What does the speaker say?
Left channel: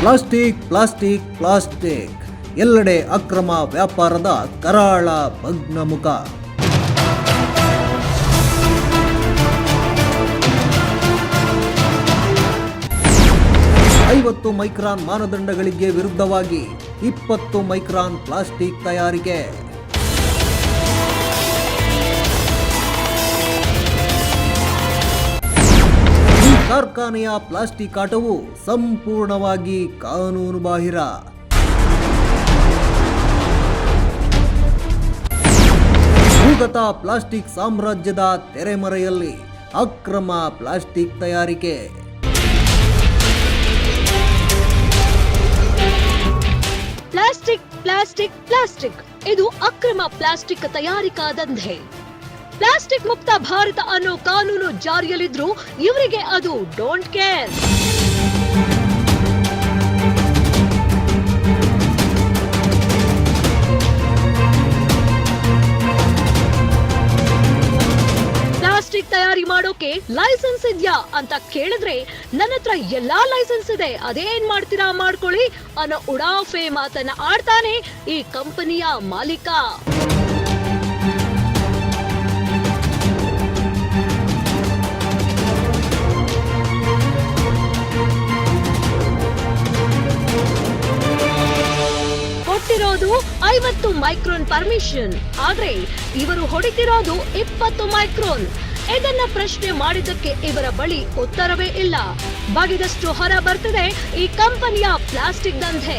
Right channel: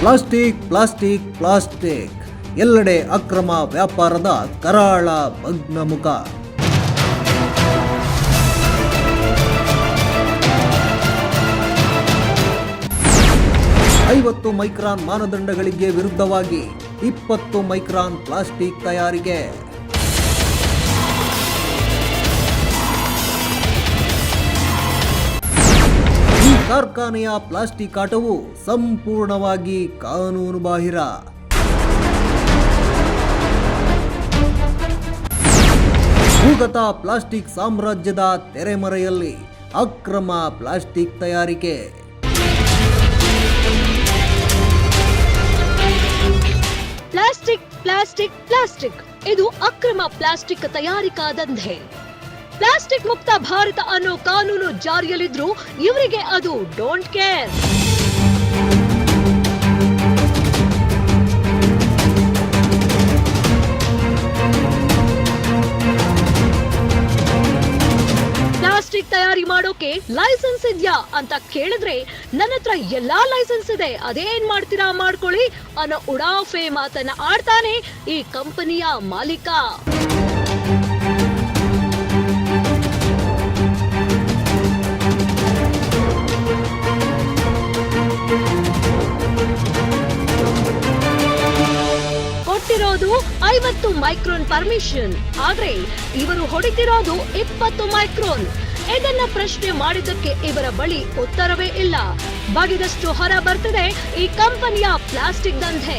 Plastic plastic plastic ಎಲ್ಲೆಡೆ ಅಕ್ರಮ ವ್ಯಾಪಾರದ ಕರಾಳ ಭಗ್ನಮುಖ. ಐವತ್ತು ಮೈಕ್ರಾನ್ ಮಾನದಂಡಗಳಿಗೆ ವಿರುದ್ಧವಾಗಿ 20 ಮೈಕ್ರಾನ್ ಪ್ಲಾಸ್ಟಿಕ್ ತಯಾರಿಕೆ. ಈ ಕಾರ್ಖಾನೆಯ ಪ್ಲಾಸ್ಟಿಕ್ ಆಟವು ಸಂಪೂರ್ಣವಾಗಿ ಕಾನೂನು ಬಾಹಿರ. ಭೂಗತ ಪ್ಲಾಸ್ಟಿಕ್ ಸಾಮ್ರಾಜ್ಯದ ತೆರೆಮರೆಯಲ್ಲಿ ಅಕ್ರಮ ಪ್ಲಾಸ್ಟಿಕ್ ತಯಾರಿಕೆ. ಪ್ಲಾಸ್ಟಿಕ್ ಪ್ಲಾಸ್ಟಿಕ್ ಪ್ಲಾಸ್ಟಿಕ್ ಇದು ಅಕ್ರಮ ಪ್ಲಾಸ್ಟಿಕ್ ತಯಾರಿಕಾ ದಂಧೆ. ಪ್ಲಾಸ್ಟಿಕ್ ಮುಕ್ತ ಭಾರತ ಅನ್ನೋ ಕಾನೂನು ಜಾರಿಯಲ್ಲಿದ್ರೂ ಇವರಿಗೆ ಅದು ಡೋಂಟ್ ಕೇರ್. ಪ್ಲಾಸ್ಟಿಕ್ ತಯಾರಿ ಮಾಡೋಕೆ ಲೈಸೆನ್ಸ್ ಇದ್ಯಾ ಅಂತ ಕೇಳಿದ್ರೆ ನನ್ನ ಹತ್ರ ಎಲ್ಲಾ ಲೈಸೆನ್ಸ್ ಇದೆ, ಅದೇನ್ ಮಾಡ್ತೀರಾ ಮಾಡ್ಕೊಳ್ಳಿ ಅನ್ನೋ ಉಡಾಫೆ ಮಾತನ್ನ ಆಡ್ತಾನೆ ಈ ಕಂಪನಿಯ ಮಾಲೀಕ. ಕೊಟ್ಟಿರೋದು 50 ಮೈಕ್ರೋನ್ ಪರ್ಮಿಷನ್, ಆದ್ರೆ ಇವರು ಹೊಡಿತಿರೋದು 20 ಮೈಕ್ರೋನ್. ಇದನ್ನ ಪ್ರಶ್ನೆ ಮಾಡಿದ್ದಕ್ಕೆ ಇವರ ಬಳಿ ಉತ್ತರವೇ ಇಲ್ಲ. ಬಗೆದಷ್ಟು ಹೊರ ಬರ್ತಿದೆ ಈ ಕಂಪನಿಯ ಪ್ಲಾಸ್ಟಿಕ್ ದಂಧೆ.